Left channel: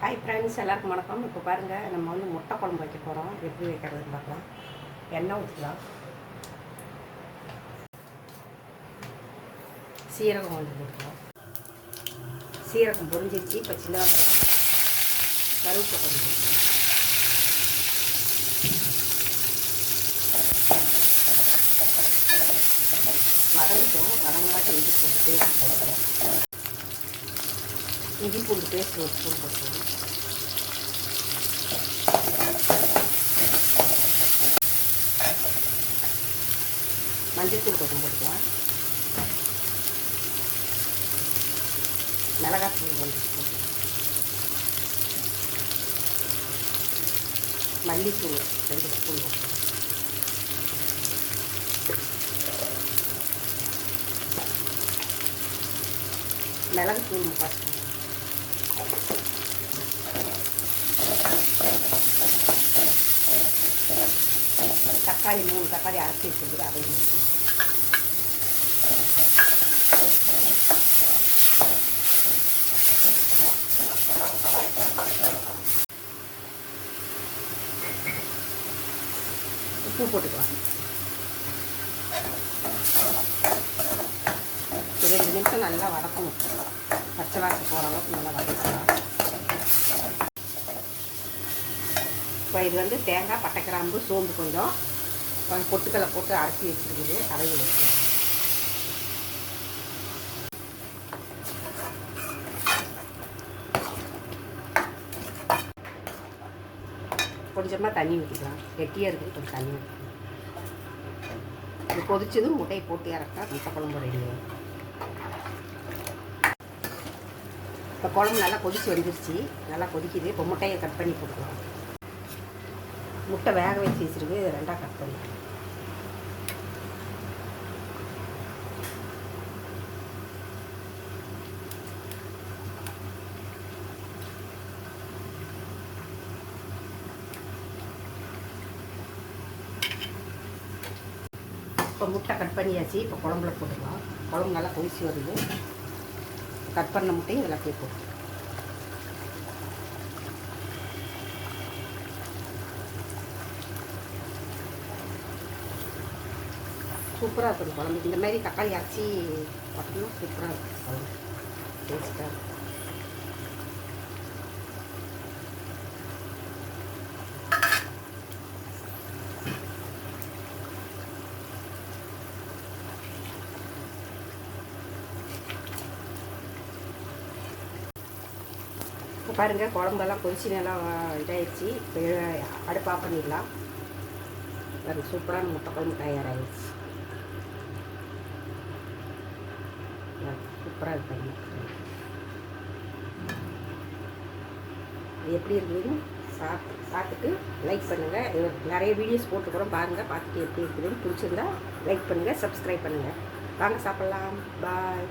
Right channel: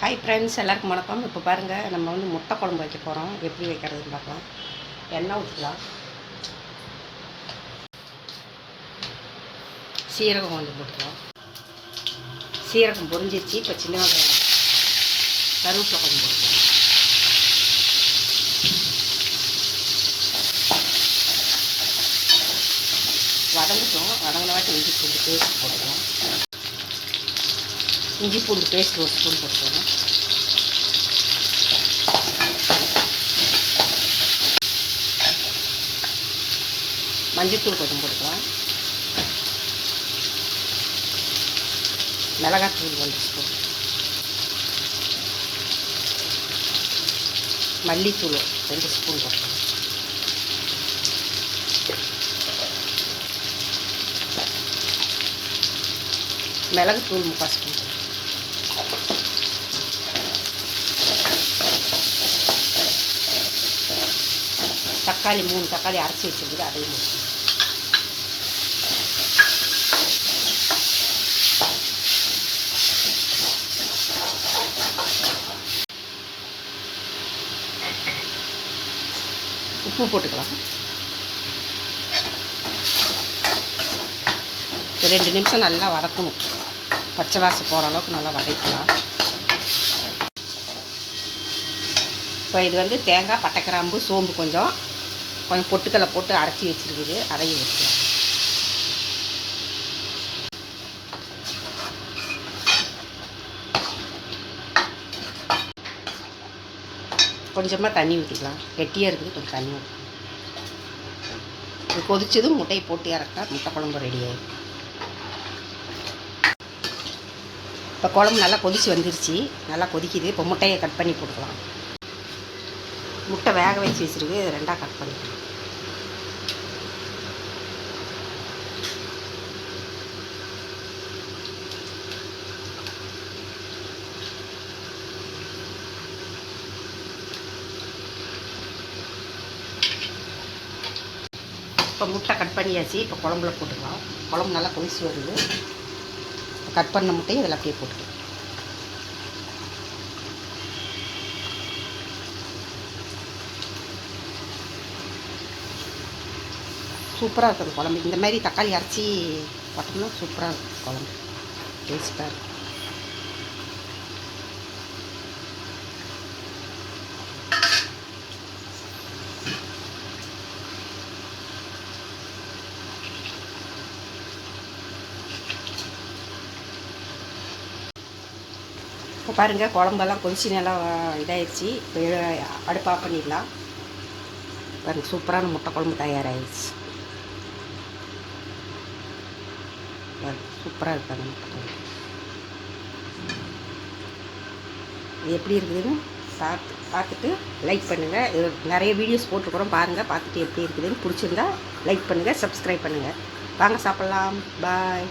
Hi friends எல்லாருக்கும் வணக்கம். இப்போ பாருங்கள் நம்ம வந்து முட்டை குழம்பு வைக்க போகிறோம் எப்படி வைக்கிறதுன்னு பார்க்கலாம். எண்ணெய் ஊற்றலாம் சீரகம் கொஞ்சம் போட்டுக்கலாம். சீரகம் பொரிஞ்சிருச்சு. இப்போ சின்ன வெங்காயம் கருவேப்பிலை கொஞ்சம் போட்டுக்கலாம். வதங்கட்டும். வதங்கினாட்டி இஞ்சி பூண்டு போட்டுக்கலாம். இஞ்சி பூண்டு பேஸ்ட் ஒரு ஸ்பூன் போட்டு மஞ்சத்தூள் கொஞ்சம் போட்டுக்கலாம். மிளகாத்தூள் ஒன்று ஸ்பூன் மல்லித்தூள் ரெண்டு ஸ்பூன் போட்டுக்கலாம். மிளகுத்தூள் முக்கால் ஸ்பூன் தக்காளி மூணு தக்காளி அரைச்சி வச்சுருக்குது அதையும் உப்பு போட்டுக்கலாம். ரெண்டு நிமிஷம் நல்லா வதக்கணும். பச்சை வாசம் போகிற அளவுக்கு நல்லா வதக்கலாம் ஸோ இது வந்து தேங்காய் பட்டை கிராம்பு சோம்பு கொஞ்சம். கொஞ்சம் பொட்டுக்கலை போட்டு அரைச்சி வச்சுருக்குது. அதையும் வச்சுக்கலாம் கொஞ்சமாக தண்ணி ஊற்றிக்கலாம் கெட்டியாக இருக்குது கொஞ்சம் தண்ணி ஊற்றிக்கலாம் இது கொதிச்சதும் முட்டையை போட்டு இறக்கா முட்டை குழம்பு ரெடி ஆகிடும் இப்போ குழம்பு நல்லா கொதிச்சு வந்துருச்சு. நல்லா கொதிக்குது. இப்போ முட்டையை கட் பண்ணி போட்டுக்கலாம். முட்டை வேக வச்சு வச்சுருக்கு. இதை ரெண்டாக கட் பண்ணிக்கலாம். இப்போ முட்டை கட் பண்ணியாச்சு. இப்போ குழம்புல போட்டுக்கலாம். குழம்பு நல்லா கொதிச்சு வருது. கட் பண்ண முட்டையும் இதில் அப்படியே போட்டு. சூப்பராக இருக்கும் குழம்பு. இந்த மாதிரி தக்காளி அரைச்சி பார்த்தோம்னா சூப்பராக இருக்கும். குழம்பு டேஸ்ட்டாக இருக்கும். பாருங்கள் குழம்பெல்லாம் கொதிச்சு நல்லா இதாகிடுச்சு இப்போ அடுப்பு ஆஃப் பண்ணிடலாம். பாருங்கள் சூப்பரான முட்டை குழம்பு தயாராகிடுச்சு சூப்பராக இருக்காங்க இது எப்படி இருக்குதுன்னு சாப்பிட்டு பார்த்துட்டு லைக் பண்ணுங்கள் இது நிறைய வீடியோஸ் போட்டுக்கிறோம் பாருங்கள் பார்த்துட்டு எப்படி இருக்குதுன்னு. பிடிச்சிருந்தா லைக் பண்ணுங்கள் சப்ஸ்கிரைப் பண்ணுங்கள் வாங்க சாப்பிட்லாம். பாய்